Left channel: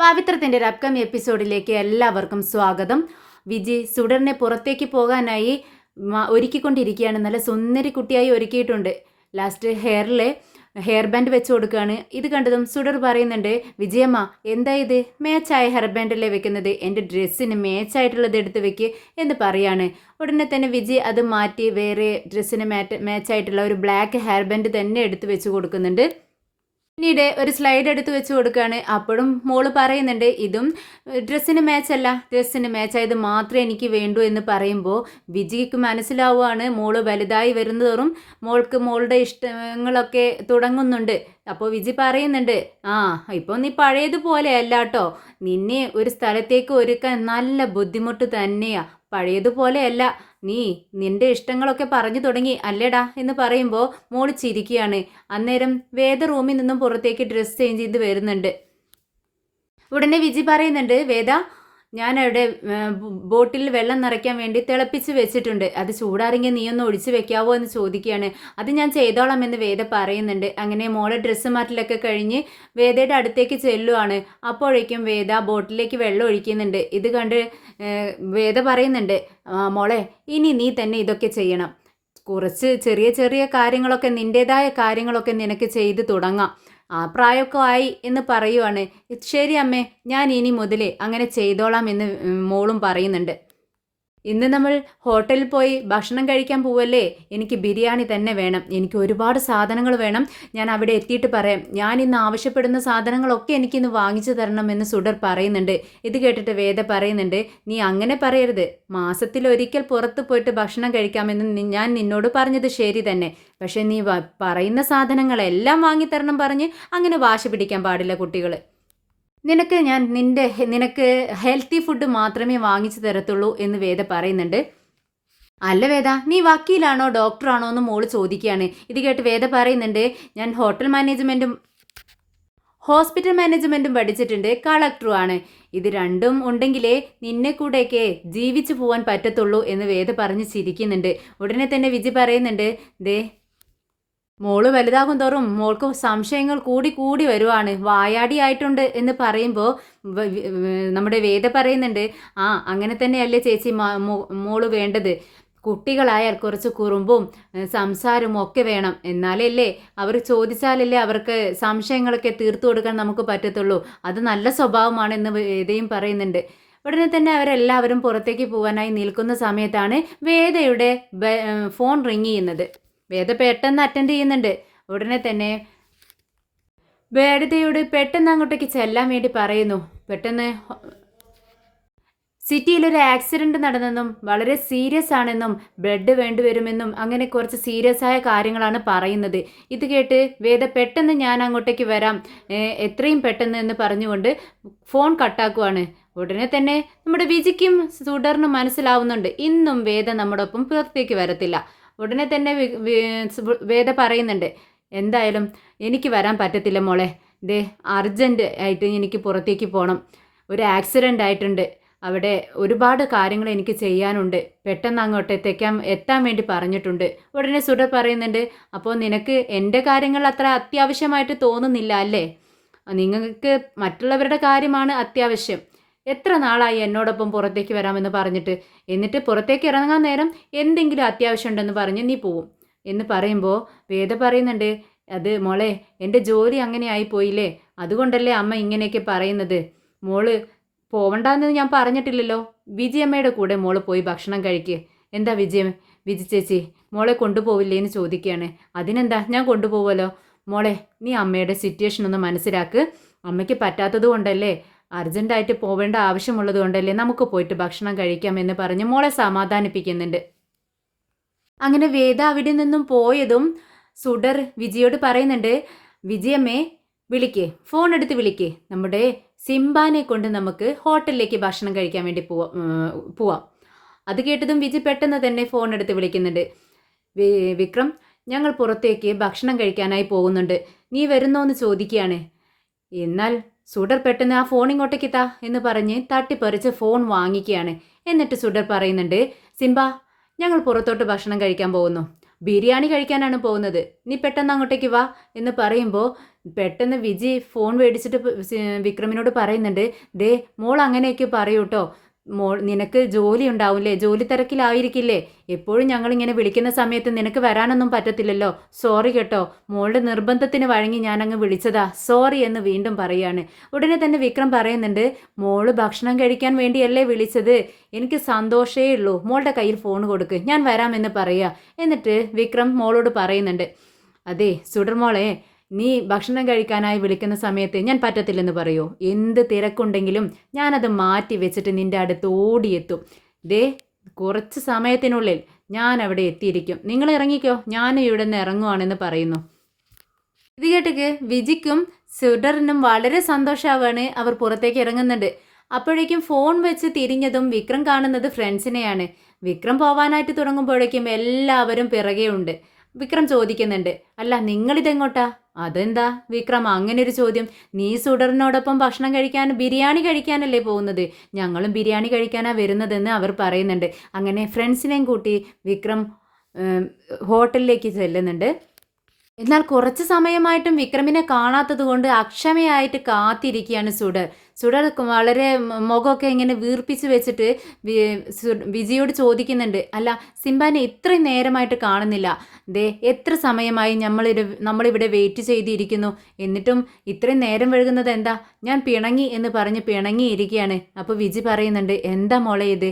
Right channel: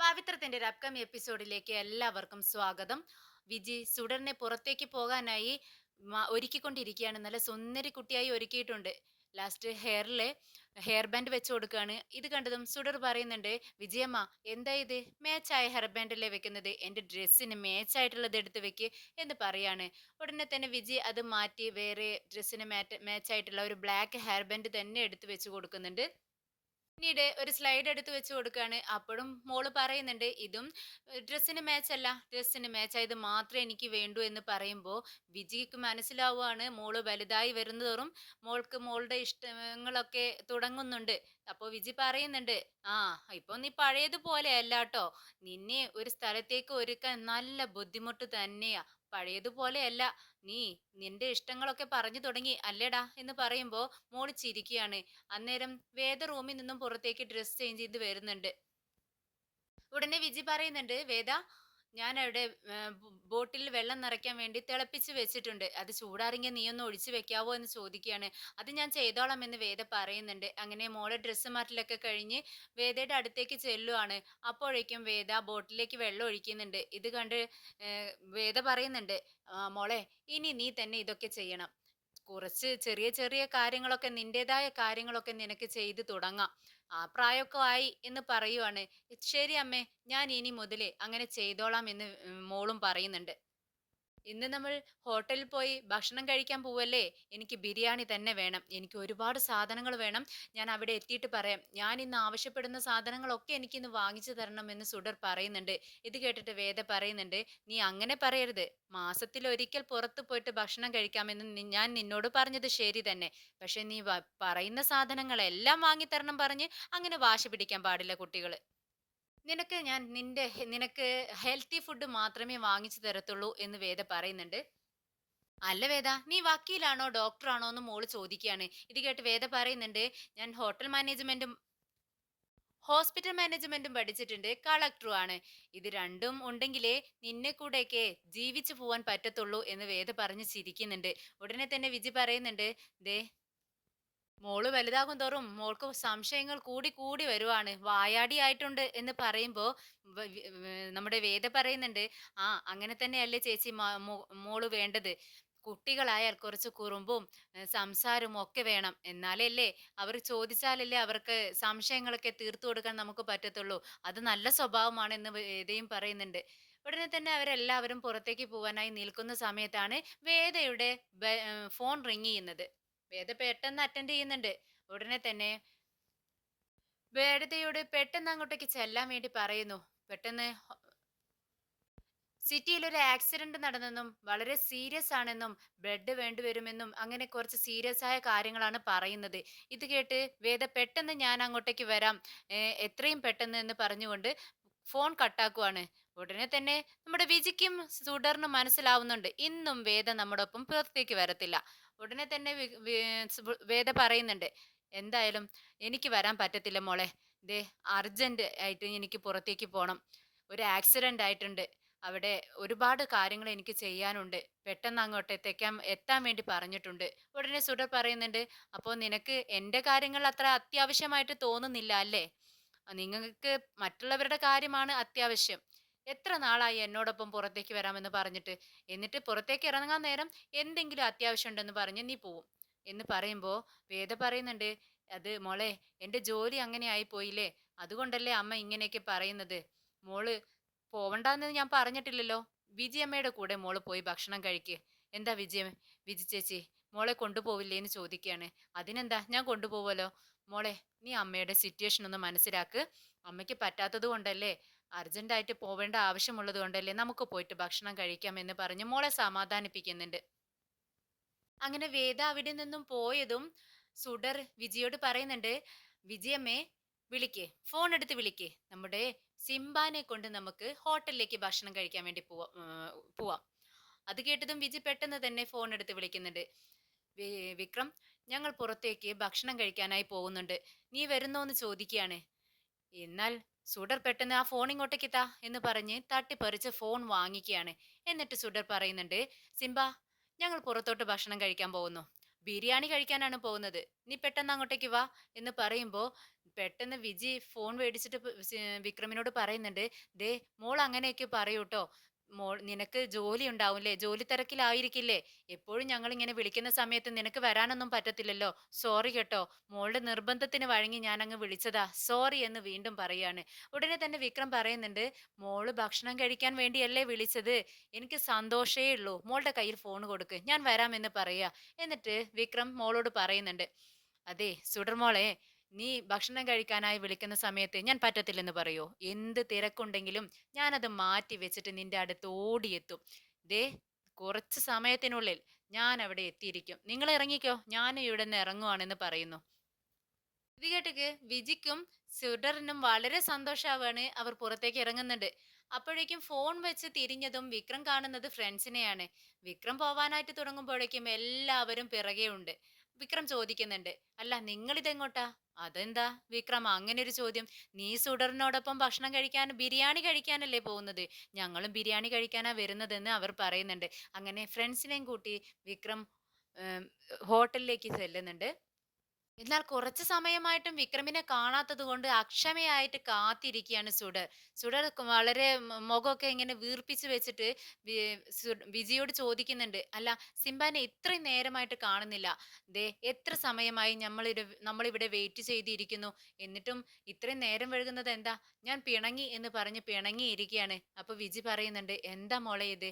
പവിത്രത്തിൻ്റെ ഒരു അപ്കമിങ് എപ്പിസോഡിലേക്ക് എല്ലാവർക്കും സ്വാഗതം. വിജി സുഡറിനെ പുറത്തേക്ക് പോകാനായി ഒരുക്കിക്കൊണ്ടിരിക്കുകയാണ്. നല്ല സുന്ദരി കുട്ടിയായി ഒരുക്കിയിട്ടുണ്ട്. ലാസ്റ്റ് ഹെയർ ബാൻഡ് വെച്ച് കൊടുക്കുകയാണ്. ഇത് കണ്ടതും സുഡർ പറയുന്നുണ്ട്, വിജയമ്മ എന്താ ഇത്, മാച്ചായ ഹെയർ ബാൻഡല്ലേ വെക്കുന്നത്, എൻ്റെ ഡ്രസ്സിന് മാച്ചായിട്ടുള്ളത് എടുത്ത് വെക്ക് എന്ന് പറയാണ്. ഉടനെ തന്നെ വിജയ് അത് മാറ്റി വേറെ ഡ്രസ്സിന് മാച്ചായിട്ടുള്ള ഒരു ബ്ലാക്ക് ഹെയർ ബാൻഡ് തന്നെ എടുത്ത് വെച്ച് കൊടുക്കുന്നുണ്ട്. പിന്നീട് ഒരു സ്ലൈഡ് എടുത്ത് വെച്ച് കൊടുക്കുകയാണ്. അപ്പോഴും മോള് പറയുന്നുണ്ട്, ഇതും ഡ്രസ്സിന് മാച്ചല്ല, ഡ്രസ്സിന് മാച്ചായത് മാത്രമേ എനിക്ക് വേണ്ടൂ എന്ന് പറയുമ്പോൾ വിജിക്ക് മനസ്സിലാവുകയാണ് മോള് വലുതായി വരുന്നതോറും മോൾക്ക് മോളുടെ ഇഷ്ടങ്ങളൊക്കെ തുടങ്ങുന്നുണ്ട്. അപ്പോൾ വിജി പറയുന്നുണ്ട്, ഇപ്പോൾ നീ പഴയതുപോലെ അല്ല കേട്ടോ, നിന്നെ ഒരു സ്ഥലത്തേക്ക് ഒരുക്കാൻ നല്ല ബുദ്ധിമുട്ട് തന്നെയാ, പഴയതുപോലെയല്ല, നീ നിന്റെ ഇഷ്ടങ്ങളൊക്കെ പറഞ്ഞു തുടങ്ങി അല്ലേടാ എന്ന് പറയുമ്പോൾ മോള് ചിരിക്കുകയാണ്. അന്നേരം വേദ റൂമിൽ നിന്നും പുറത്തേക്ക് ഡ്രസ്സ് ചേഞ്ച് ചെയ്ത് വരുന്നുണ്ട്. ഉടനെ വിജി പറയുന്നുണ്ട്, വേദ ഞാനവിടെ ബോട്ടിൽ വെള്ളം നിറയ്ക്കാൻ വേണ്ടി തിളപ്പിച്ച് വെച്ചിട്ടുണ്ട്, അത് ചൂടാറിങ്ങി നീ ഒന്ന് ഒഴിച്ച് വെക്കാവോ എന്ന് ചോദിക്കുകയാണ്. അത് ഞാൻ ചെയ്തോളാം എന്ന് വേദ പറയുന്നുണ്ട്. അങ്ങനെ മോളെ ഡ്രസ്സ് മാറ്റലൊക്കെ കഴിഞ്ഞ് വേദയുടെ അടുത്തേക്ക് ചെല്ലുവാണ്. അപ്പോഴേക്കും വേദ ബോട്ടിലേക്ക് വെള്ളം ഒഴിക്കുന്നുണ്ട്. ഇത് കണ്ട് വേദ പറയുന്നുണ്ട്, മോളെ ഇനി നീ തന്നെ ഇതൊക്കെ ചെയ്യണം, കുറച്ച് ചെറിയ ചെറിയ കാര്യങ്ങളൊക്കെ നിൻ്റേതായ കാര്യങ്ങളൊക്കെ നിനക്ക് ചെയ്ത് തുടങ്ങാം, പ്രായമൊക്കെ ആയി എന്ന് പറയുവാണ്. ശരി അമ്മേ, ഞാൻ ഇനി മുതലേ അങ്ങനെ ചെയ്തോളാം എന്ന് മോളും പറയുന്നുണ്ട്. ഇന്ന് നമ്മൾ ഹോട്ടലിൽ പോയി ഭക്ഷണം കഴിക്കാൻ പോവല്ലേ, എനിക്ക് ബിരിയാണി തന്നെ വേണം, എനിക്ക് ഒരുപാട് സാധനങ്ങൾ വേണം, ഞാൻ അവിടെ എത്തിയിട്ട് പറയാം, ഞാൻ ഇന്ന് ആവശ്യപ്പെടുന്ന സാധനങ്ങളൊക്കെ എനിക്കിന്ന് വാങ്ങിച്ചു തരണമെന്ന് സുഡർ പറയുന്നുണ്ട്. ഇത് കേട്ടിട്ട് വേദ പറയുന്നുണ്ട്, നീ അങ്ങനെ പറയരുത്, മാസത്തിലൊരിക്കൽ പുറത്ത് പോയിട്ട് ഭക്ഷണം കഴിക്കാമെന്ന് ഞാൻ നിന്നോട് പറഞ്ഞത് ശരി തന്നെ, പക്ഷേ നീ പറയുന്ന സാധനങ്ങളെല്ലാം വാങ്ങിത്തരണം പറഞ്ഞ് അങ്ങനെ വാശി പിടിക്കാൻ പാടില്ല കുട്ടികൾ. നിനക്ക് ഹെൽത്തി ഫുഡ് മാത്രമേ വാങ്ങിച്ചു തരത്തുള്ളൂ എന്ന് വേദ പറയുന്നുണ്ട്. അല്ല വേദ, നീ വക്കീലാണോ ഡോക്ടറാണോ എന്ന് മോള് ചോദിക്കുകയാണ്. ഇത് കേട്ട് വേദ പറയുന്നുണ്ട്, ഞാൻ ഹോസ്പിറ്റൽ മാനേജ്മെൻറ്റും പഠിച്ചിട്ടുണ്ട്, കളക്ടറും ആണ്, ഇത് രണ്ടും ഉണ്ടെങ്കിലേ നിന്നെ കൂടെയൊക്കെ ജീവിച്ചു പോകാൻ പറ്റത്തുള്ളൂ എന്ന് വേദ പറഞ്ഞ് ചിരിക്കുന്നുണ്ട്. ഉടനെ തന്നെ വിജി പറയുന്നുണ്ട്, ദേ മോള് വലുതാകും തോറും മോൾക്ക് സംശയങ്ങൾ കൂടി കൂടി വരുവാണ്, വായാടിയായിട്ടുണ്ട് എന്ന് പറയുമ്പോൾ നമ്മുടെ വേദ പറയുന്നുണ്ട്, അങ്ങനെ തന്നെയല്ലേ ചേച്ചി മോള് വേണ്ടത്, കുട്ടികളായാൽ കുറച്ച് കുറുമ്പും സംസാരവും ഒക്കെ വേണം, എന്നാലല്ലേ അവർ ചോദിച്ചാലല്ലേ അവർക്ക് സംശയങ്ങളൊക്കെ തീർത്തു കൊടുക്കാൻ നമുക്ക് പറ്റത്തുള്ളൂ, അത് നല്ല സ്വഭാവമാണെന്ന് വേദയും പറയുന്നുണ്ട്. ഉടനെ തന്നെ അവരെല്ലാവരും പുറത്തേക്ക് പോകാനായി നിൽക്കുന്ന സമയത്താണ് വേദയുടെ ഫോൺ റിങ് ചെയ്യുന്നത്. വേദ പെട്ടെന്ന് അറ്റൻഡ് ചെയ്യുന്നുണ്ട്. ഉടനെ തന്നെ വേദയോട് പെട്ടെന്ന് അങ്ങോട്ടേക്ക് ചെല്ലാൻ വേണ്ടി പറയുന്നു. പെട്ടെന്ന് സിറ്റിയിലൊരു ആക്സിഡൻറ്റ് നടന്നെന്നും വളരെ സീരിയസ് ആണെന്നും ബ്ലഡ് വേണ്ടിവരുമെന്നും അങ്ങനെ കുറച്ച് സീരിയസ് ആയ കാര്യങ്ങളാണ് പറയുന്നത്. ഇത് കേട്ട് വേദ പെട്ടെന്ന് ഞാൻ അങ്ങോട്ടേക്ക് വരാം, എത്രയും പെട്ടെന്ന് എന്ന് പറഞ്ഞുകൊണ്ട് ഫോൺ കട്ടാക്കുവാണ്. ഉടനെ തന്നെ നമ്മുടെ വിജിക്കും സുഡറിനും മനസ്സിലാവുന്നുണ്ട്, ഇന്നും വേദ നമ്മുടെ ഒപ്പം പുറത്തേക്ക് വരത്തില്ല. ഉടനെ തന്നെ വേദ പറയുന്നുണ്ട്, എന്തായാലും എനിക്ക് വരാൻ പറ്റത്തില്ല മോളെ, ദേ അർജൻറ്റ് ആയിട്ട് എനിക്ക് പുറത്തേക്ക് പോകണം, ഒരു ആക്സിഡൻ്റ് ആയിട്ടുണ്ട്, അവിടെ ഒരുപാട് കാര്യങ്ങൾ എനിക്ക് ചെയ്യാനുണ്ട്, പെട്ടെന്ന് അങ്ങോട്ട് എത്താൻ വേണ്ടി പറഞ്ഞിട്ടുണ്ട്. ഉടനെ സുഡർ പറയുന്നുണ്ട്, അപ്പോൾ നിനക്ക് എൻ്റെ കാര്യങ്ങൾ അത്ര അത്യാവശ്യമായിട്ട് തോന്നുന്നില്ല അല്ലേ, നിങ്ങൾക്ക് മറ്റുള്ളവരുടെ കാര്യമാണ് അത്യാവശ്യം, എത്ര നാളായി എന്നോടൊപ്പം പുറത്തേക്ക് വരാമെന്ന് പറഞ്ഞിട്ട്, എന്നിട്ട് പുറത്തേക്ക് ഇറങ്ങാൻ നേരം എന്തെങ്കിലും അത്യാവശ്യം ഉണ്ടെന്ന് പറഞ്ഞ് നീ പോവും എന്ന് പറയുമ്പോൾ വേദ പറയുന്നുണ്ട്, അത് മോളെ എൻ്റെ ജോലി അങ്ങനെ ആയിപ്പോയില്ലേ, അതുകൊണ്ടല്ലേ അമ്മ ഇങ്ങനെയൊക്കെ പറയുന്നത്, മോള് പോവണ്ടെന്ന് ഞാൻ പറഞ്ഞിട്ടില്ലല്ലോ, വിജയമ്മയുടെ കൂടെ മോള് പോയി ഭക്ഷണം കഴിക്കുക, എന്താ വിജി ചേച്ചി മോളെ കൊണ്ടുപോവില്ലേ എന്ന് ചോദിക്കുകയാണ്. അതിനെന്താ, ഞാൻ കൊണ്ടുപോവുമല്ലോ, മോളെ നീ അമ്മയുടെ സിറ്റുവേഷൻ ഒന്ന് മനസ്സിലാക്ക്, അമ്മയ്ക്ക് പറ്റാത്തത് കൊണ്ടല്ലേ, അർജൻറ്റായിട്ട് പോവേണ്ട ആവശ്യമുള്ളത് കൊണ്ടല്ലേ, നമുക്ക് പോയിട്ട് ഭക്ഷണം കഴിക്കാമെന്ന് പറഞ്ഞ് മോളെ സമാധാനിപ്പിക്കുന്നുണ്ട്. അങ്ങനെ വേദ അവിടെ നിന്നും പോയതും സുഡർ വിജിയോട് പറയുന്നുണ്ട്, വിജയമ്മേ വിളിക്കേ, ഫോൺ എടുത്ത് വിളിക്കേ, നമ്മുടെ സിംബാനെ കൊണ്ട് നമുക്ക് ഹോട്ടലിലേക്ക് ഭക്ഷണം കഴിക്കാൻ വേണ്ടി പോവാം. അത് കേട്ടതും വിജി പെട്ടെന്ന് തന്നെ ഫോൺ എടുത്ത് വിളിക്കുന്നുണ്ട്. വിക്രം, ഞങ്ങൾ പുറത്തേക്ക് ഭക്ഷണം കഴിക്കാനായി പോകുന്നുണ്ട്, നീ വരുന്നോ എന്ന് ചോദിക്കുകയാണ്. എന്നാൽ സുഡർ പെട്ടെന്ന് ആ ഫോൺ ഇങ്ങോട്ടേക്ക് താ എന്ന് പറഞ്ഞ് തട്ടിപ്പറിച്ച് ഫോൺ വാങ്ങിക്കുകയാണ്. എന്നിട്ട് സുഡർ പറയുന്നുണ്ട്, സിംബ ഞങ്ങൾ പുറത്തോട്ട് ഭക്ഷണം കഴിക്കാൻ പോകുന്നു, ബിരിയാണി കഴിക്കാനാണ് പോകുന്നത്, നീ പെട്ടെന്ന് അങ്ങോട്ടേക്ക് വാ എന്ന് പറയുമ്പോൾ പെട്ടെന്ന് വിജി ഫോൺ മേടിച്ചിട്ട് വിക്രമിനോട് പറയുന്നുണ്ട്, ദേ മോൾ അങ്ങനെയൊക്കെ പറയൂ കേട്ടോ, നിനക്ക് ജോലി ഉണ്ടാവില്ലേ, ജോലി തിരക്കിലായിരിക്കില്ലേ, എപ്പോഴും ഞങ്ങളിങ്ങനെ വിളിക്കുന്ന സമയത്ത് നിനക്ക് വരാനൊന്നും പറ്റത്തില്ലല്ലോ, സോറി കേട്ടോ, മോളുടെ നിർബന്ധത്തിന് വഴങ്ങി ഞാനങ്ങ് വിളിച്ചതാ, സോറി എന്ന് വീണ്ടും പറയാണ്. ഉടനെ തന്നെ വിക്രം പറയുന്നുണ്ട്, മോള് ഭക്ഷണം കഴിക്കാൻ വേണ്ടിയല്ലേ വിളിച്ചത്, എനിക്ക് സന്തോഷമേ ഉള്ളൂ, മോളുടെ കയ്യിൽ ഫോൺ കൊടുക്ക്, ഞാൻ വരാമെന്ന് പറയുക. എന്നിട്ട് വിക്രം മോളോട് പറയുന്നുണ്ട്, അതെ സുഡർ മോളെ, നീ ഭക്ഷണം കഴിക്കാനായി വിളിക്കുന്ന സമയത്ത് ഞാൻ പറ്റത്തില്ലെന്ന് പറയോ, എന്ത് തിരക്കുണ്ടെങ്കിലും ഞാനത് മാറ്റി വെച്ചിട്ട് നിന്റെ അടുത്ത് ഓടിയെത്തും. ദേ കുറച്ച് സമയത്തിനുള്ളിൽ ഞാൻ അവിടെ എത്തിയിരിക്കും, നിങ്ങൾ ഇറങ്ങിക്കോ, ഞാനും ഇവിടെ നിന്ന് ഇറങ്ങുവാണെന്ന് പറയുന്നു. ഇത് കേട്ടക്ക് വിജിക്കും സുഡറിനും വളരെ സന്തോഷമാവാണ്. അവർ പുറത്തേക്ക് ഇറങ്ങുന്നുണ്ട്. അപ്പോഴേക്കും ഫോൺ വെച്ച് തിരിഞ്ഞതും വിക്രം കാണുന്നത് ഫ്രണ്ട്സിനെയാണ്. വിക്രം പോവാനായിട്ട് തുടങ്ങുമ്പോഴേക്കും എല്ലാവരും പിറകെ ഉണ്ട്. വിക്രം ചോദിക്കുന്നുണ്ട്, അല്ല നിങ്ങളിതെങ്ങോട്ടാ? അതെന്താ വിക്രം അങ്ങനെ ഒരു ചോദ്യം? നീ സുഡറിനോടൊപ്പം ഭക്ഷണം കഴിക്കാൻ, ബിരിയാണി കഴിക്കാനല്ലേ പോകുന്നത്? ഞങ്ങളും ബിരിയാണി കഴിക്കാനാണ് വരുന്നതെന്ന് അവർ പറയുന്നുണ്ട്. അങ്ങനെ ഫ്രണ്ട്സിനെയും കൂട്ടി വിക്രം ഹോട്ടലിലേക്ക് ചെല്ലുന്നുണ്ട്. എന്നാൽ കുറച്ച് സമയമായിട്ടും വിക്രമിനെ കാണാത്തത് കൊണ്ട് അക്ഷമയായിട്ട് കാത്തിരിക്കുകയാണ് സുഡർ. സുഡർ വളരെ മുഖമൊക്കെ ഇങ്ങനെ വീർപ്പിച്ച് വെച്ചിട്ട് വിജിയോട് ചോദിക്കുന്നുണ്ട്, അല്ല സിംബാനെ ഇത്രയും നേരമായിട്ട് കാണുന്നില്ല, ദേ എത്ര സമയമായി നമ്മളിവിടെ വെയിറ്റ് ചെയ്തിരിക്കുന്നു, എന്നിട്ടും ഇത്രയും നേരം വഴുകുന്നത് എന്താ? ഞാൻ പിണങ്ങി എന്ന് പറഞ്ഞ് പിണങ്ങിയിരിക്കുകയാണ്. അപ്പോൾ വിജി പറയുന്നുണ്ട്, എന്താ മോളെ ഇത്,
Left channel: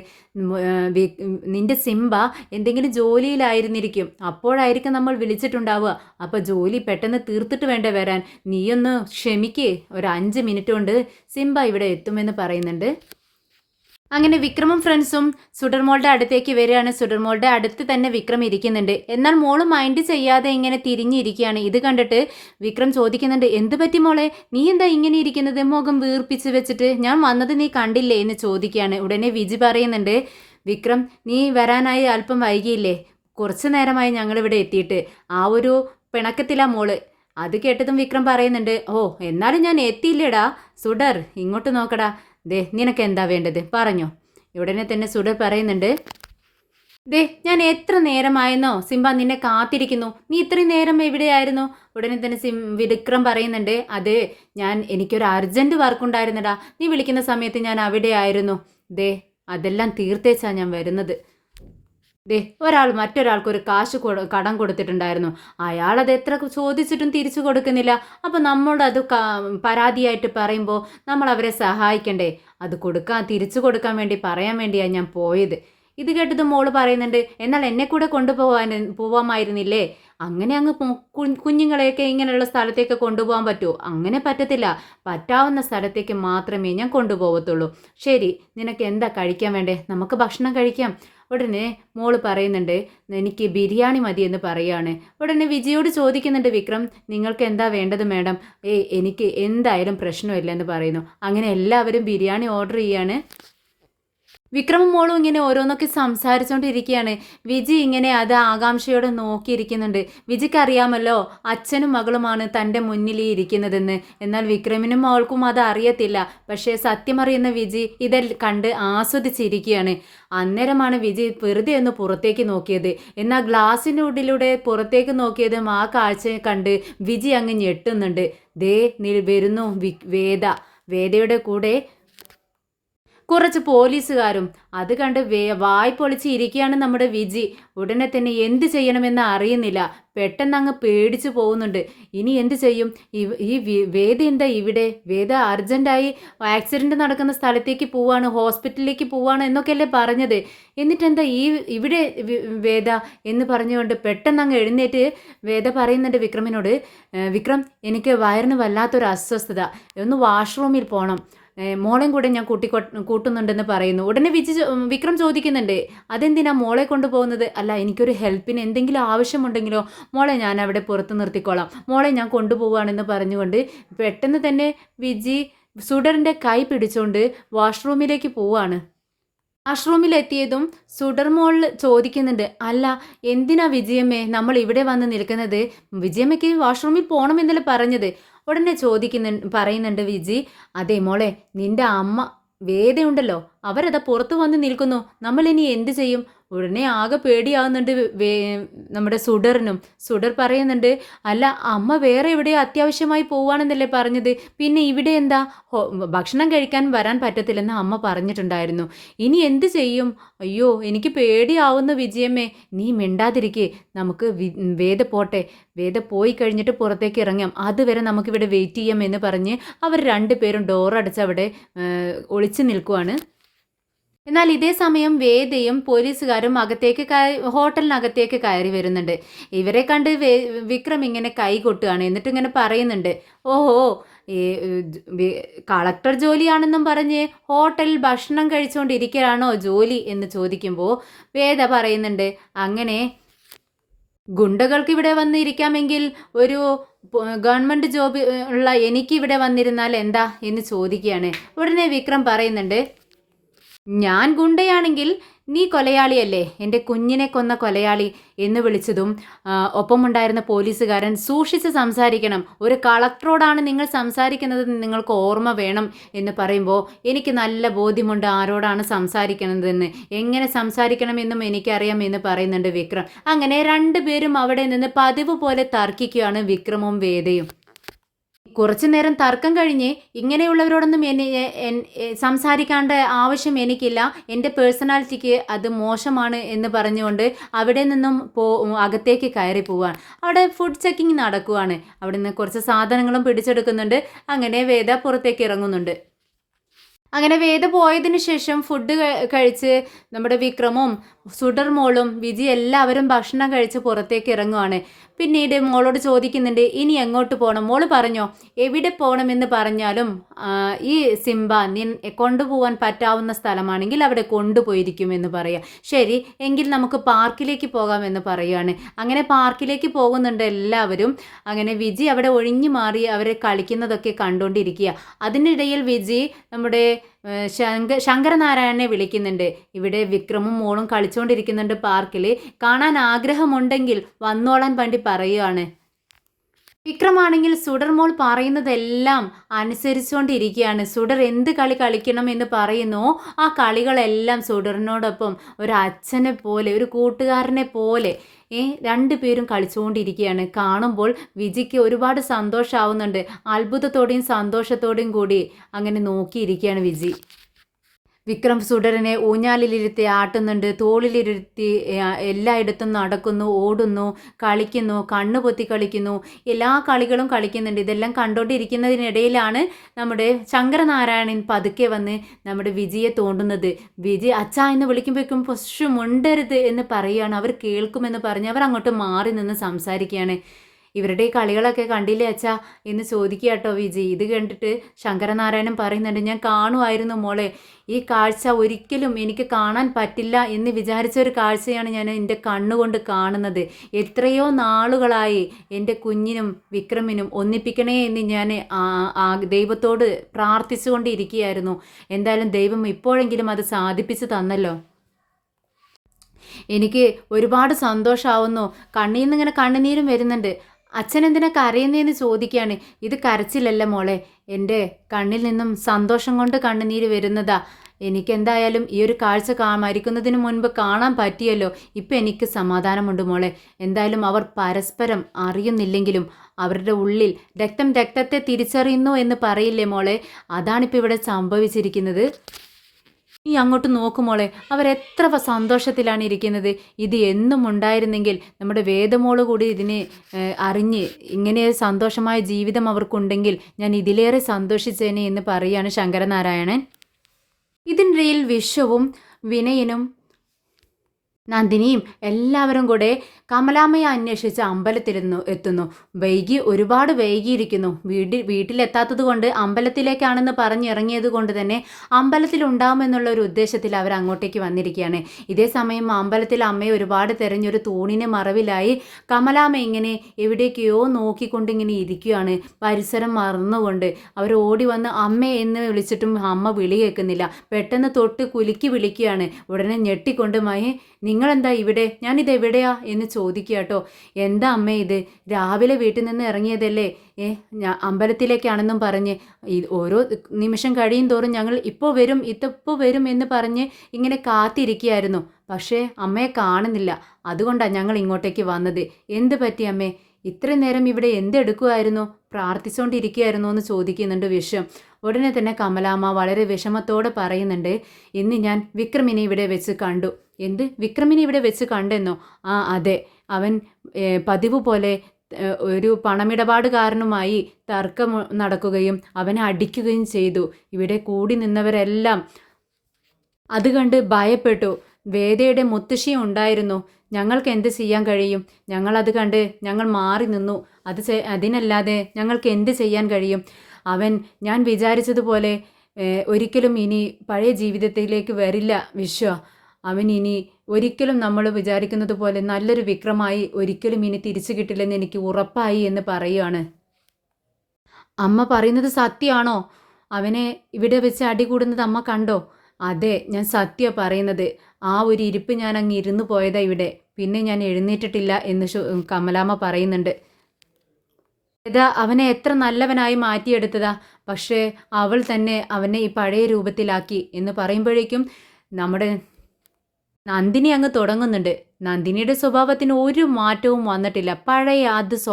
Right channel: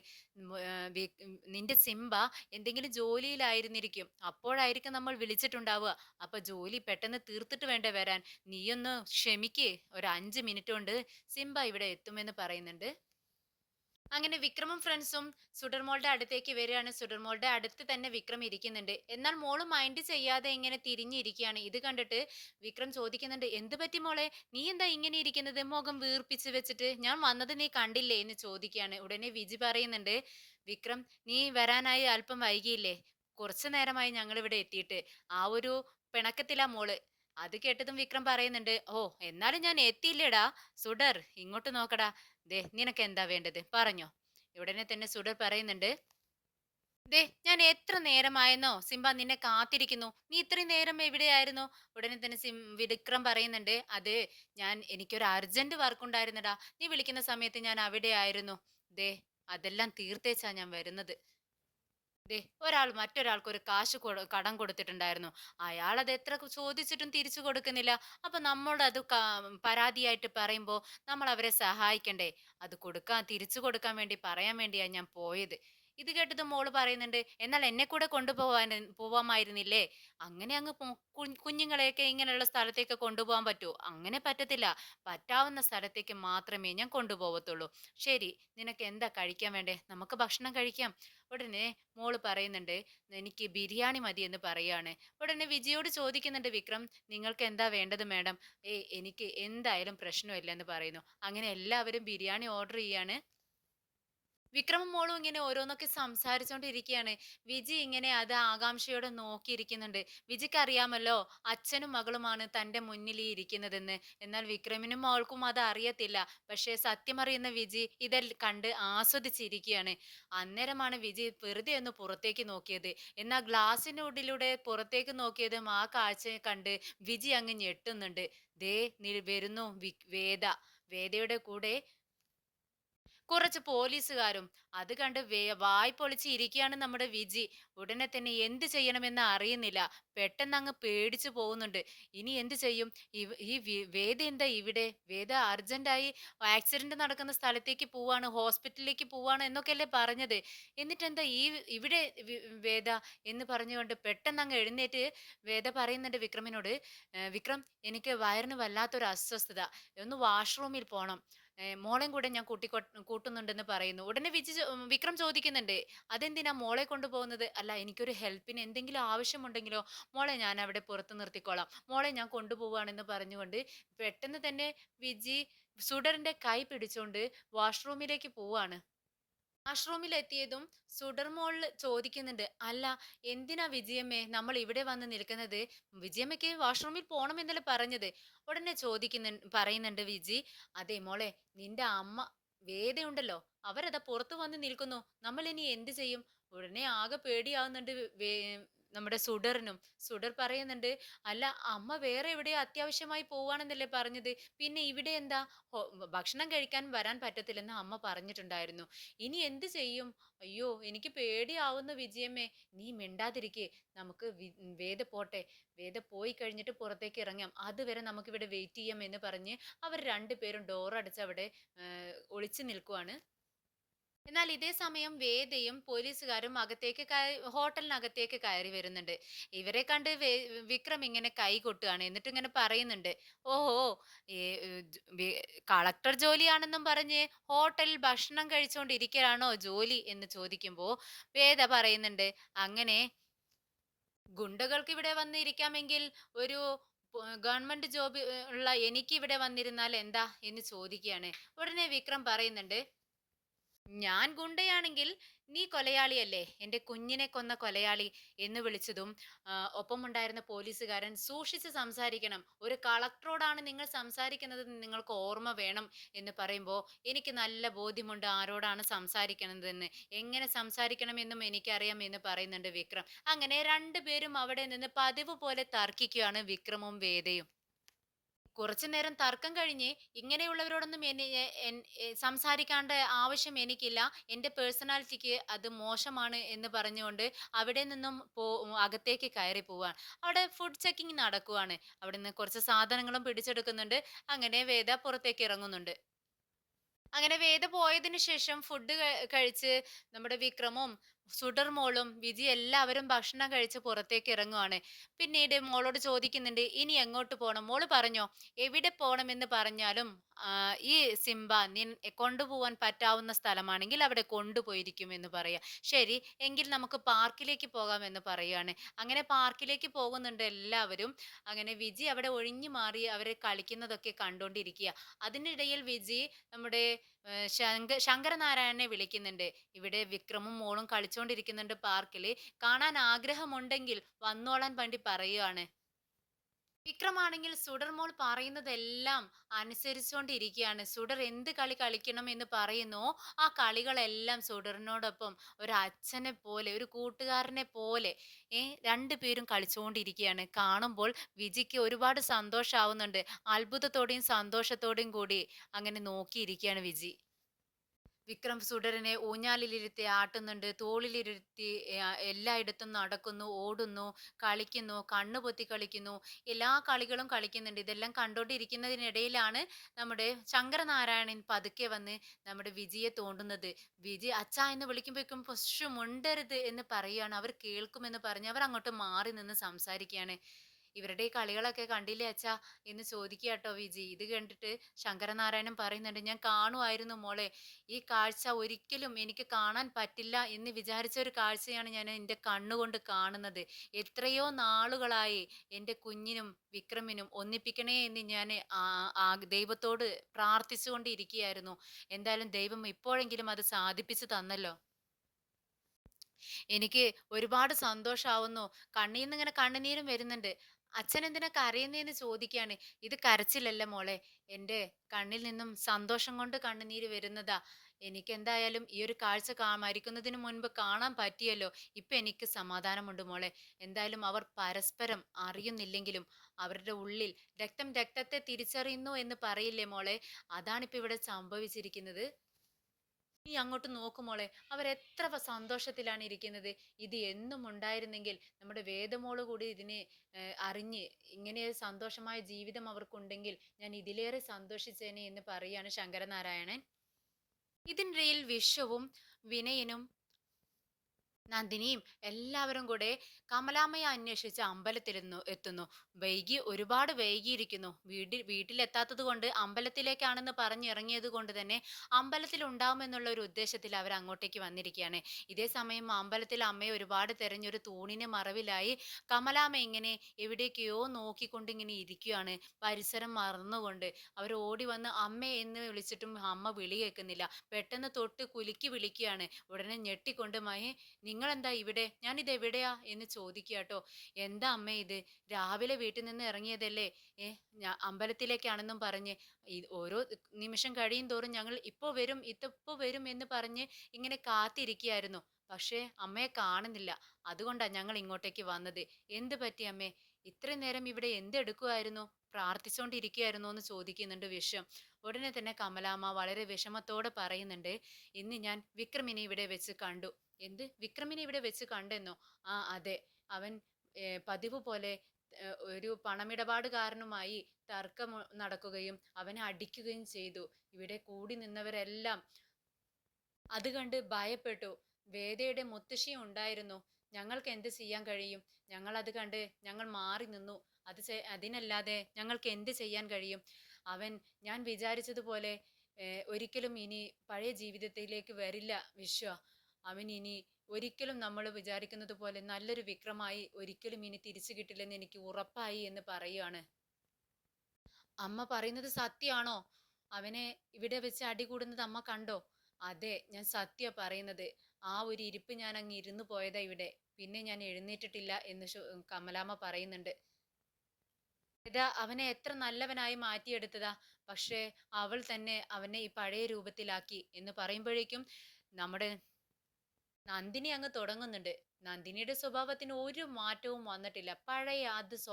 നിന്റെ സിംബ എന്തെങ്കിലും ജോലിയിലായിരുന്നിരിക്കും, അപ്പോഴായിരിക്കും നമ്മൾ വിളിച്ചിട്ടുണ്ടാവുക, അപ്പോൾ ജോലി പെട്ടെന്ന് തീർത്തിട്ട് വേണ്ടേ വരാൻ, നീയൊന്ന് ക്ഷമിക്കേ, ഒരു 5 മിനിറ്റ് കൊണ്ട് സിംബ ഇവിടെ എത്തുമെന്ന് പറയുന്നുണ്ട്. അങ്ങനെ വിക്രമും ഫ്രണ്ട്സും സുഡർമോളുടെ അടുത്തേക്ക് വരികയാണ്. സുഡർമോളുടെ അടുത്ത് തന്നെ വിക്രം ഇരിക്കുന്നുണ്ട്. എന്നാൽ മോള് മൈൻഡ് ചെയ്യാതെ ഇങ്ങനെ തിരിഞ്ഞിരിക്കുകയാണ്. ഇത് കണ്ടിട്ട് വിക്രം ചോദിക്കുന്നുണ്ട്, എന്ത് പറ്റി മോളെ, നീ എന്താ ഇങ്ങനെ ഇരിക്കുന്നത്, മുഖം വീർപ്പിച്ച് വെച്ചിട്ട്, ഞാൻ വന്നത് നീ കണ്ടില്ലേ എന്ന് ചോദിക്കുകയാണ്. ഉടനെ വിജി പറയുന്നുണ്ട്, വിക്രം നീ വരാനായി അല്പം വൈകിയില്ലേ, കുറച്ച് നേരമായി ഞങ്ങളിവിടെ എത്തിയിട്ട്, ആ ഒരു പിണക്കത്തിലാ മോള്. അത് കേട്ടതും വിക്രം പറയുന്നുണ്ട്, ഓ എന്നാലും ഞാൻ എത്തിയില്ലേടാ സുഡർ, ഇങ്ങോട്ട് നോക്കടാ, ദേ നിനക്ക് എന്താ വേണ്ടത് പറഞ്ഞോ. ഉടനെ തന്നെ സുഡർ പറയുന്നുണ്ട്, ദേ ഞാൻ എത്ര നേരമായെന്നോ സിംബ നിന്നെ കാത്തിരിക്കുന്നു, നീ ഇത്രയും നേരം എവിടെയായിരുന്നു? ഉടനെ തന്നെ വിക്രം പറയുന്നുണ്ട്, അത് എനിക്കൊരു അർജൻറ്റ് വർക്ക് ഉണ്ടായിരുന്നടാ, നീ വിളിക്കുന്ന സമയത്ത് ഞാൻ അവിടെ ആയിരുന്നു, ദേ അതെല്ലാം തീർത്തേച്ചാ ഞാൻ വരുന്നത്. ദേ ഒരാൾ മറ്റൊരാൾക്കൊരു കാശ് കടം കൊടുത്തിട്ടുണ്ടായിരുന്നു, അയാളത് എത്ര ചോദിച്ചിട്ടും തിരിച്ചു കൊടുക്കുന്നില്ല, അപ്പോൾ നമ്മളത് പരാതിയായിട്ട് പറയുമ്പോൾ നമ്മൾ അവരെ സഹായിക്കണ്ടേ, അത് തിരിച്ചു കൊടുക്കാൻ വേണ്ടി പറയാൻ വേണ്ടിയാണ് ഞാൻ പോയത്. ഇത് കേട്ടത് മോള് പറയുന്നുണ്ട്, എന്നാൽ എന്നെ കൂടെ പോവാമായിരുന്നില്ലേ, അങ്ങനെ അങ്ങ് കുഞ്ഞുങ്ങളെയൊക്കെ ഇങ്ങനെയുള്ള സ്ഥലത്തേക്ക് കൊണ്ടുപോകാൻ പറ്റുമോ? അങ്ങനെ പറ്റത്തില്ല, പറ്റാവുന്ന സ്ഥലത്തേക്ക് മാത്രമേ ഞാൻ കൊണ്ടുപോകത്തുള്ളൂ. ശരി, നിനക്ക് എന്താ കഴിക്കാൻ വേണ്ടേ, നമുക്ക് ഭക്ഷണം കഴിക്കാം. ഉടനെ മോള് പറയുന്നുണ്ട്, എനിക്ക് ബിരിയാണി മതി എന്ന് പറയാണ്. ഉടനെ വിജയോട് ചോദിക്കുന്നുണ്ട് വിക്രം, നിങ്ങൾക്ക് എന്താ വേണ്ടത് മാഡം? എനിക്ക് എന്തായാലും പ്രശ്നമില്ല എന്ന് പറയുന്നു. അങ്ങനെ എല്ലാവരും ബിരിയാണി ഓർഡർ ചെയ്യാണ്. വിക്രമും മോളും ഇങ്ങനെ ഓരോന്നൊക്കെ സംസാരിച്ചുകൊണ്ടിരിക്കുകയാണ്. വിജി ഇങ്ങനെ അത് ആകാംക്ഷയോടെ നോക്കിയിരിക്കുന്നുണ്ട്. വിജിക്ക് അറിയാമല്ലോ അച്ഛനും മകളുമാണ് തൻ്റെ മുന്നിൽ ഇരിക്കുന്നതെന്ന്. എന്നാൽ വിക്രമിനും മോൾക്കും അത് അറിയത്തില്ല. പക്ഷേ സത്യമറിയുന്ന വിജി ഇതെല്ലാം കണ്ട് ആസ്വദിച്ചിരിക്കുകയാണ്. അന്നേരമാണ് വിജി വെറുതെ ഒന്ന് പുറത്തേക്ക് നോക്കിയത്. എന്നാൽ ഗ്ലാസിൻ്റെ ഉള്ളിലൂടെ പുറത്തേക്ക് നോക്കിയതും ആ കാഴ്ചയെ കണ്ട് വിജി അങ്ങ് ഞെട്ടുന്നുണ്ട്. ദേ വരുന്നു വേദയുടെ കൂടെ കുറച്ച് പോലീസുകാരും. അത് കണ്ട് വായ് പൊളിച്ച് ഇരിക്കുകയാണ് നമ്മുടെ വിജി. ഉടനെ തന്നെ എന്ത് ചെയ്യണമെന്ന് അറിയുന്നില്ല. പെട്ടെന്ന് അങ്ങ് പേടിച്ചു പോകുന്നുണ്ട്. ഇനി എന്ത് ചെയ്യും? ഈ വേദ എന്താ ഇവിടെ? വേദ അർജൻറ്റായി ആക്സിഡൻറ്റ് നടക്കുന്ന സ്ഥലത്തേക്ക് പോവാണ്, ഹോസ്പിറ്റലിലേക്ക് പോവാണ് എന്നൊക്കെയല്ലേ പറഞ്ഞത്. എന്നിട്ടെന്താ ഇവിടെ വേദ എന്ന് പറഞ്ഞുകൊണ്ട് പെട്ടെന്ന് അങ്ങ് എഴുന്നേറ്റ് വേദ പറയുന്നുണ്ട് വിക്രമിനോട്, വിക്രം എനിക്ക് വയറിന് വല്ലാത്തൊരു അസ്വസ്ഥത, ഒന്ന് വാഷ്റൂമിൽ പോകണം, മോളെയും കൂടെ ഞാൻ കൂട്ടുന്നുണ്ടെന്ന് പറയുന്നു. ഉടനെ വിക്രം ചോദിക്കുന്നുണ്ട്, അതെന്തിനാ മോളെ കൊണ്ടുപോകുന്നത്? അല്ല എനിക്കൊരു ഹെൽപ്പിന് എന്തെങ്കിലും ആവശ്യമുണ്ടെങ്കിലോ, മോളെ ഞാൻ അവിടെ പുറത്ത് നിർത്തിക്കോളാം, മോളെ ഞാൻ കൊണ്ടുപോവുകയാണെന്ന് പറഞ്ഞുകൊണ്ട് പെട്ടെന്ന് തന്നെ വിജി സുഡറിൻ്റെ കൈ പിടിച്ചുകൊണ്ട് വാഷ്റൂമിലേക്ക് പോവാണ്. വാഷ്റൂമിലെത്തിയതും സുഡർ മോൾ ചോദിക്കുന്നുണ്ട്, അല്ല എന്തിനാ വിജയമ്മേ നമ്മൾ ഇവിടെ വന്ന് നിൽക്കുന്നത്? വിജയമ്മയ്ക്ക് വാഷ്റൂമിൽ പോകണമെന്നല്ലേ പറഞ്ഞത്? ഉടനെ പറയുന്നുണ്ട് വിജി, അതെ മോളെ, നിന്റെ അമ്മ വേദയുണ്ടല്ലോ, അവരതാ പുറത്തു വന്ന് നിൽക്കുന്നു, നമ്മൾ ഇനി എന്ത് ചെയ്യും? ഉടനെ ആകെ പേടിയാവുന്നുണ്ട് നമ്മുടെ സുഡറിനും. സുഡർ പറയുന്നുണ്ട്, അല്ല അമ്മ വേറെ എവിടെയോ അത്യാവശ്യമായി പോവാണെന്നല്ലേ പറഞ്ഞത്, പിന്നെ ഇവിടെ എന്താ ഭക്ഷണം കഴിക്കാൻ വരാൻ പറ്റത്തില്ലെന്ന് അമ്മ പറഞ്ഞിട്ടുണ്ടായിരുന്നു. ഇനി എന്ത് ചെയ്യും? അയ്യോ എനിക്ക് പേടിയാവുന്നു വിജയമ്മേ. നീ മിണ്ടാതിരിക്കേ, നമുക്ക് വേദ പോട്ടെ, വേദ പോയി കഴിഞ്ഞിട്ട് പുറത്തേക്ക് ഇറങ്ങാം, അതുവരെ നമുക്കിവിടെ വെയിറ്റ് ചെയ്യാം എന്ന് പറഞ്ഞ് അവർ രണ്ടുപേരും ഡോറടച്ച് അവിടെ ഒളിച്ചു നിൽക്കുവാണ്. എന്നാൽ ഇതേ സമയം വേദയും പോലീസുകാരും ഹോട്ടലിനകത്തേക്ക് കയറി വരുന്നുണ്ട്. ഇവരെ കണ്ട് വിക്രം ഇങ്ങനെ കൈ കൊട്ടുകയാണ്. എന്നിട്ട് ഇങ്ങനെ പറയുന്നുണ്ട്, ഓഹോ ഈ കളക്ടർ ജോലിയാണെന്നും പറഞ്ഞ് ഹോട്ടലിൽ ഭക്ഷണം കഴിച്ചുകൊണ്ടിരിക്കലാണോ ജോലി എന്ന് ചോദിക്കുമ്പോൾ വേദ പറയുന്നുണ്ട്, അങ്ങനെ ഗുണ്ടകൾക്ക് ഇവിടെ വന്നിരിക്കാമെങ്കിൽ ഒരു ഗവൺമെൻറ് ജോബ് ഉള്ള എനിക്ക് ഇവിടെ വന്നിരുന്നാൽ എന്താ എന്ന് ചോദിക്കുകയാണ്. ഉടനെ വിക്രം പറയുന്നുണ്ട്, ഞാൻ ഗുണ്ടയാണെങ്കിൽ നീ കൊലയാളിയല്ലേ, എൻ്റെ കുഞ്ഞിനെ കൊന്ന കൊലയാളി എന്ന് വിളിച്ചതും ഒപ്പമുണ്ടായിരുന്ന പോലീസുകാരൻ സൂക്ഷിച്ച് സംസാരിക്കണം, ഒരു കളക്ടറോടാണ് നിങ്ങൾ സംസാരിക്കുന്നത് നിങ്ങൾക്ക് ഓർമ്മ വേണം എന്ന് പറയുമ്പോൾ എനിക്ക് നല്ല ബോധ്യമുണ്ട് ആരോടാണ് സംസാരിക്കുന്നതെന്ന്, എങ്ങനെ സംസാരിക്കണമെന്നും എനിക്കറിയാം എന്ന് പറയുന്നുണ്ട് വിക്രം. അങ്ങനെ രണ്ടുപേരും അവിടെ നിന്ന് പതിവ് പോലെ തർക്കിക്കുകയാണ് വിക്രമും വേദയും. കുറച്ചു നേരം തർക്കം കഴിഞ്ഞ് ഇങ്ങനെയുള്ളവരോടൊന്നും സംസാരിക്കേണ്ട ആവശ്യം എനിക്കില്ല, എൻ്റെ പേഴ്സണാലിറ്റിക്ക് അത് മോശമാണ് എന്ന് പറഞ്ഞുകൊണ്ട് അവിടെ നിന്നും അകത്തേക്ക് കയറി പോവാൻ. അവിടെ ഫുഡ് ചെക്കിങ് നടക്കുവാണ്. അവിടെ നിന്ന് കുറച്ച് സാധനങ്ങളും പിടിച്ചെടുക്കുന്നുണ്ട്. അങ്ങനെ വേദ പുറത്തേക്ക് ഇറങ്ങുന്നുണ്ട്. അങ്ങനെ വേദ പോയതിന് ശേഷം ഫുഡ് കഴിച്ച് നമ്മുടെ വിക്രമും സുഡർ മോളും വിജി എല്ലാവരും ഭക്ഷണം കഴിച്ച് പുറത്തേക്ക് ഇറങ്ങുവാണ്. പിന്നീട് മോളോട് ചോദിക്കുന്നുണ്ട്, ഇനി എങ്ങോട്ട് പോകണം? മോള് പറഞ്ഞോ, എവിടെ പോകണമെന്ന് പറഞ്ഞാലും ഈ സിംബ കൊണ്ടുപോകാൻ പറ്റാവുന്ന സ്ഥലമാണെങ്കിൽ അവിടെ കൊണ്ടുപോയിരിക്കുമെന്ന് പറയാം. ശരി എങ്കിൽ നമുക്ക് പാർക്കിലേക്ക് പോകാമെന്ന് പറയുകയാണ്. അങ്ങനെ പാർക്കിലേക്ക് പോകുന്നുണ്ട് എല്ലാവരും. അങ്ങനെ വിജി അവിടെ ഒഴിഞ്ഞു മാറി അവരെ കളിക്കുന്നതൊക്കെ കണ്ടുകൊണ്ടിരിക്കുക. അതിനിടയിൽ വിജി നമ്മുടെ ശങ്കരനാരായണനെ വിളിക്കുന്നുണ്ട്. ഇവിടെ വിക്രമും മോളും കളിച്ചുകൊണ്ടിരിക്കുന്നുണ്ട് പാർക്കിൽ, കാണാൻ ആഗ്രഹമുണ്ടെങ്കിൽ വന്നോളാൻ വേണ്ടി പറയുകയാണ്. വിക്രമാണെങ്കിൽ സുഡർ മോൾ പറയുന്നതെല്ലാം അനുസരിച്ചുകൊണ്ടിരിക്കുകയാണ്. സുഡർ എന്ത് കളി കളിക്കണം എന്ന് പറയുന്നോ ആ കളികളെല്ലാം സുഡറിനോടൊപ്പം ഒരു അച്ഛനെ പോലെ ഒരു കൂട്ടുകാരനെ പോലെ രണ്ടുപേരും കളിച്ചുകൊണ്ടിരിക്കുകയാണ്. കാണുമ്പോൾ വിജിക്ക് ഒരുപാട് സന്തോഷമാവുന്നുണ്ട്. അത്ഭുതത്തോടെയും സന്തോഷത്തോടെയും കൂടി അങ്ങനെ നോക്കിയിരിക്കുകയാണ് വിജി. വിക്രം സുഡറിനെ ഊഞ്ഞാലിലിരുത്തി ആട്ടുന്നുണ്ട്, തോളിലിരുത്തി എല്ലായിടത്തും നടക്കുന്നു, ഓടുന്നു, കളിക്കുന്നു, കണ്ണുപൊത്തി കളിക്കുന്നു, എല്ലാ കളികളും കളിക്കുന്നുണ്ട്. ഇതെല്ലാം കണ്ടുകൊണ്ടിരിക്കുന്നതിനിടയിലാണ് നമ്മുടെ ശങ്കരനാരായണൻ പതുക്കെ വന്ന് നമ്മുടെ വിജിയെ തോണ്ടുന്നത്. വിജി അച്ഛ എന്ന് വിളിക്കുമ്പോഴേക്കും മുണ്ടരുത് എന്ന് പറയുകയാണ്. അവർ കേൾക്കുമെന്ന് പറഞ്ഞ് അവർ അങ്ങോട്ട് മാറി നിന്ന് സംസാരിക്കുകയാണ്. ഇവരുടെ ഈ കളികളൊക്കെ കണ്ടില്ലേ അച്ഛാ എന്ന് ചോദിക്കുക കേട്ടോ വിജി. ഇത് കണ്ടിട്ട് ശങ്കരനാരായണൻ പറയുന്നുണ്ട്, ഞാൻ കാണുമായിരുന്നു മോളെ, ഈ കാഴ്ച ഒരിക്കലും എനിക്ക് കാണാൻ പറ്റില്ല എന്ന് വിചാരിച്ച ഒരു കാഴ്ചയാണ് ഞാൻ എൻ്റെ കണ്ണുകൊണ്ട് കാണുന്നത്. എത്രയോ നാളുകളായി എൻ്റെ കുഞ്ഞിനും വിക്രമിനും ഒന്നിപ്പിക്കണേ എന്ന് ഞാൻ ദൈവത്തോട് പ്രാർത്ഥിച്ചുകൊണ്ടിരിക്കുകയായിരുന്നു. എന്തായാലും ദൈവം ഇപ്പോഴെങ്കിലും അത് സാധിപ്പിച്ചു തന്നല്ലോ. എനിക്ക് ഒരുപാട് സന്തോഷമാവുന്നു. കണ്ണിൽ നിന്ന് ഇങ്ങനെ കണ്ണുനീരും വരുന്നുണ്ട്. അച്ഛൻ എന്തിനാ കരയുന്നതെന്ന് ചോദിക്കുകയാണ്. ഇത് കരച്ചിലല്ല മോളെ, എൻ്റെ കണ്ണിൽ നിന്നും സന്തോഷം കൊണ്ട് കണ്ണുനീര് വരുന്നതാ. എനിക്കെന്തായാലും ഈ ഒരു കാഴ്ച മരിക്കുന്നതിന് മുൻപ് കാണാൻ പറ്റിയല്ലോ, ഇപ്പം എനിക്ക് സമാധാനമുണ്ട് മോളെ. എന്തായാലും അവർ പരസ്പരം അറിയുന്നില്ലെങ്കിലും അവരുടെ ഉള്ളിൽ രക്തത്തെ തിരിച്ചറിയുന്നു എന്ന് പറയില്ലേ മോളെ, അതാണിപ്പോൾ ഇവിടെ സംഭവിച്ചിരിക്കുന്നത്. നീ അങ്ങോട്ട് നോക്കുമോളെ, അവരെത്ര സന്തോഷത്തിലാണ് ഇരിക്കുന്നത്. ഇത് എന്നും ഉണ്ടായിരുന്നെങ്കിൽ നമ്മുടെ വേദമോള് കൂടി ഇതിനെ അറിഞ്ഞ് ഇങ്ങനെ സന്തോഷമായ ജീവിതം അവർക്കുണ്ടെങ്കിൽ ഞാൻ ഇതിലേറെ സന്തോഷിച്ചേനെ എന്ന് പറയുകയാണ് ശങ്കരനാരായണൻ. ഇതിനിടയിൽ വിശ്വവും വിനയനും നന്ദിനിയും എല്ലാവരും കൂടെ കമലാമ്മയെ അന്വേഷിച്ച് എത്തുന്നു. ഒരുപാട് വൈകിയിരിക്കുന്നു. വീട്ടിലെത്താത്തത് കൊണ്ട് അമ്പലത്തിലേക്കാണെന്ന് പറഞ്ഞിറങ്ങിയത് കൊണ്ട് തന്നെ അമ്പലത്തിലുണ്ടാവുമെന്നുള്ള ഒരു ഉദ്ദേശത്തിൽ അവർ അങ്ങോട്ടേക്ക് വന്നിരിക്കുകയാണ്. ഇതേ സമയം അമ്പലത്തിൽ അമ്മയെ ഒരുപാട് തിരഞ്ഞൊരു തൂണിന് മറവിലായി കമലാമ്മ ഇങ്ങനെ എവിടേക്കോ നോക്കിക്കൊണ്ടിങ്ങനെ ഇരിക്കുകയാണ്, പരിസരം മറന്നുകൊണ്ട്. അവർ ഓടി വന്ന് അമ്മ എന്ന് വിളിച്ചിട്ടും അമ്മ വിളി കേൾക്കുന്നില്ല. പെട്ടെന്ന് തൊട്ട് കുലുക്കി വിളിക്കുകയാണ്. ഉടനെ ഞെട്ടിക്കൊണ്ട് നിങ്ങളെന്താ ഇവിടെ, ഞാനിത് എവിടെയാ എന്ന് ചോദിക്കുക കേട്ടോ. എന്താ അമ്മേ ഇത്, രാവിലെ വീട്ടിൽ നിന്ന് ഇറങ്ങിയതല്ലേ, അമ്പലത്തിലേക്കാണെന്നും പറഞ്ഞ് ഓരോ നിമിഷം കഴിയും തോറും ഞങ്ങൾ ഇപ്പോൾ വരും ഇതിപ്പോൾ വരും എന്ന് പറഞ്ഞ് ഇങ്ങനെ കാത്തിരിക്കുകയായിരുന്നു. പക്ഷേ അമ്മയെ കാണുന്നില്ല. അതുകൊണ്ടാണ് ഞങ്ങൾ ഇങ്ങോട്ടേക്ക് വന്നത്. എന്ത് പറ്റി അമ്മേ, ഇത്രയും നേരം ഇവിടെ എന്തെടുക്കുമായിരുന്നു, പ്രാർത്ഥിച്ചുകൊണ്ടിരിക്കുകയായിരുന്നു എന്ന് ചോദിക്കുന്നുണ്ട് വിശ്വം. ഉടനെ തന്നെ കമലാമ്മ വളരെ വിഷമത്തോടെ പറയുന്നുണ്ട്, ഇന്ന് ഞാൻ വിക്രമിനെ ഇവിടെ വെച്ച് കണ്ടു. എന്ത്, വിക്രമിനെ ഇവിടെ വെച്ച് കണ്ടെന്നോ? ആ അതെ, അവൻ പതിവ് പോലെ ഒരു പണമിടപാടുകാരനുമായി തർക്കം നടക്കുകയും അവനെ അടിക്കുകയും ചെയ്തു. ഇവിടെ കൂടി നിന്നവരെല്ലാം അത് കണ്ട് ഭയപ്പെട്ടു. വേദയുടെ മുത്തശ്ശിയും ഉണ്ടായിരുന്നു. ഞങ്ങൾക്ക് എന്ത് ചെയ്യാൻ കഴിയും? ഞങ്ങളത് കണ്ട് ഞങ്ങൾ മാറി നിന്നു. അതിനല്ലാതെ ഞങ്ങൾക്ക് എന്ത് ചെയ്യാൻ കഴിയും? ഞാൻ വിചാരിച്ചതുപോലെ ഒരിക്കലും ഇനി പഴയ ജീവിതത്തിലേക്ക് വരില്ല വിശ്വ. അവൻ ഇനി ഒരിക്കലും നമ്മൾ വിചാരിക്കുന്നത് പോലെ നല്ലൊരു വിക്രമായി ഒരിക്കലും ഇനി തിരിച്ചു കിട്ടില്ലെന്ന് എനിക്ക് ഉറപ്പായി എന്ന് പറയുകയാണ്. അമ്മ പറയുന്നത് സത്യമാണോ? അവനെ ഇവിടെ വെച്ച് അടികൂടുന്നത് അമ്മ കണ്ടോ? അതെ, ഞാൻ സത്യം പറയുന്നത്. ആ ഒരു ഇരിപ്പ് ഞാൻ അങ്ങ് ഇരുന്നു പോയതാ ഇവിടെ. പിന്നെ ഞാൻ എഴുന്നേറ്റിട്ടില്ല എന്ന് കമലാമ്മ പറയുന്നുണ്ട്. അവനെ എത്ര നല്ലവനായി മാറ്റിയെടുത്തതാ, പക്ഷേ അവൾ തന്നെ അവനെ ഈ പഴയ രൂപത്തിലാക്കി എന്ന് പറയുമ്പോഴേക്കും നമ്മുടെ നന്ദിനി അങ്ങ് തുടങ്ങുന്നുണ്ട്. നന്ദിനിയുടെ സ്വഭാവത്തിന് ഒരു മാറ്റവും വന്നിട്ടില്ല. പഴയ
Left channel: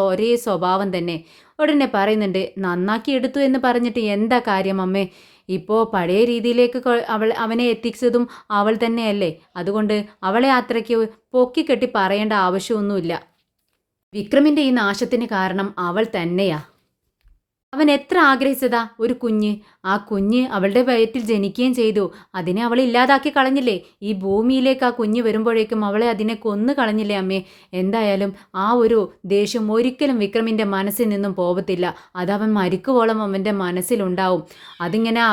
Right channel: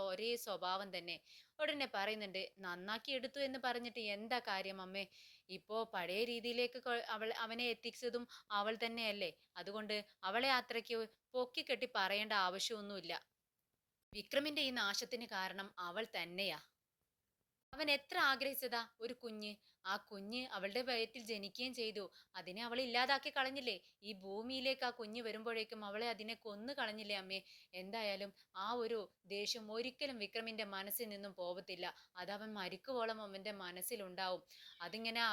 ഒരേ സ്വഭാവം തന്നെ. ഉടനെ പറയുന്നുണ്ട്, നന്നാക്കി എടുത്തു എന്ന് പറഞ്ഞിട്ട് എന്താ കാര്യം അമ്മേ? ഇപ്പോൾ പഴയ രീതിയിലേക്ക് അവനെ എത്തിച്ചതും അവൾ തന്നെയല്ലേ. അതുകൊണ്ട് അവളെ അത്രയ്ക്ക് പൊക്കിക്കെട്ടി പറയേണ്ട ആവശ്യമൊന്നുമില്ല. വിക്രമിൻ്റെ ഈ നാശത്തിന് കാരണം അവൾ തന്നെയാ. അവൻ എത്ര ആഗ്രഹിച്ചതാ ഒരു കുഞ്ഞ്. ആ കുഞ്ഞ് അവളുടെ വയറ്റിൽ ജനിക്കുകയും ചെയ്തു. അതിനെ അവൾ ഇല്ലാതാക്കി കളഞ്ഞില്ലേ? ഈ ഭൂമിയിലേക്ക് ആ കുഞ്ഞ് വരുമ്പോഴേക്കും അവളെ അതിനെ കൊന്നു കളഞ്ഞില്ലേ അമ്മേ? എന്തായാലും ആ ഒരു ദേഷ്യം ഒരിക്കലും വിക്രമിൻ്റെ മനസ്സിൽ നിന്നും പോകത്തില്ല. അതവൻ മരിക്കുവോളം അവൻ്റെ മനസ്സിലുണ്ടാവും.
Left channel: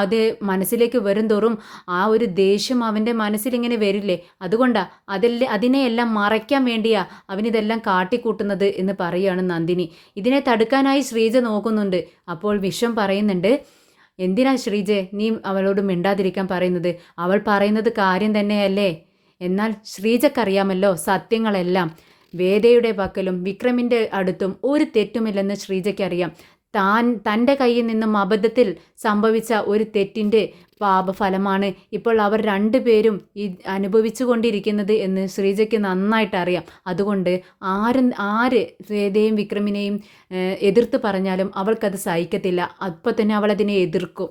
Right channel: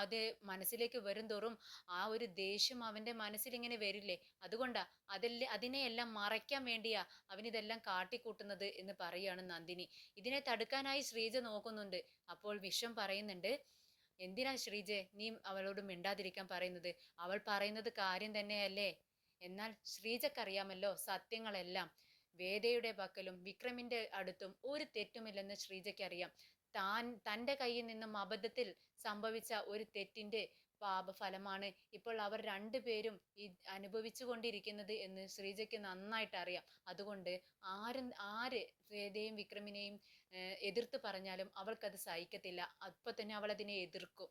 അത് മനസ്സിലേക്ക് വരും തോറും ആ ഒരു ദേഷ്യം അവൻ്റെ മനസ്സിലിങ്ങനെ വരില്ലേ? അതുകൊണ്ടാ അതിനെയെല്ലാം മറയ്ക്കാൻ വേണ്ടിയാ അവനിതെല്ലാം കാട്ടിക്കൂട്ടുന്നത് എന്ന് പറയുകയാണ് നന്ദിനി. ഇതിനെ തടുക്കാനായി ശ്രീജ നോക്കുന്നുണ്ട്. അപ്പോൾ വിശ്വം പറയുന്നുണ്ട്, എന്തിനാ ശ്രീജെ നീ അവളോട് മിണ്ടാതിരിക്കാൻ പറയുന്നത്? അവൾ പറയുന്നത് കാര്യം തന്നെയല്ലേ? എന്നാൽ ശ്രീജക്കറിയാമല്ലോ സത്യങ്ങളെല്ലാം. വേദയുടെ പക്കലും വിക്രമിൻ്റെ അടുത്തും ഒരു തെറ്റുമില്ലെന്ന് ശ്രീജയ്ക്കറിയാം. തൻ്റെ കയ്യിൽ നിന്നും അബദ്ധത്തിൽ സംഭവിച്ച ഒരു തെറ്റിൻ്റെ പാപഫലമാണ് ഇപ്പോൾ അവർ രണ്ടുപേരും അനുഭവിച്ചു കൊണ്ടിരിക്കുന്നത് എന്ന് ശ്രീജയ്ക്ക് നന്നായിട്ട് അറിയാം. അതുകൊണ്ട് ആര് വേദയും വിക്രമിനെയും എതിർത്ത് പറഞ്ഞാലും അവൾക്കത് സഹിക്കത്തില്ല. അപ്പോൾ തന്നെ അവൾ അതിനെ എതിർക്കും.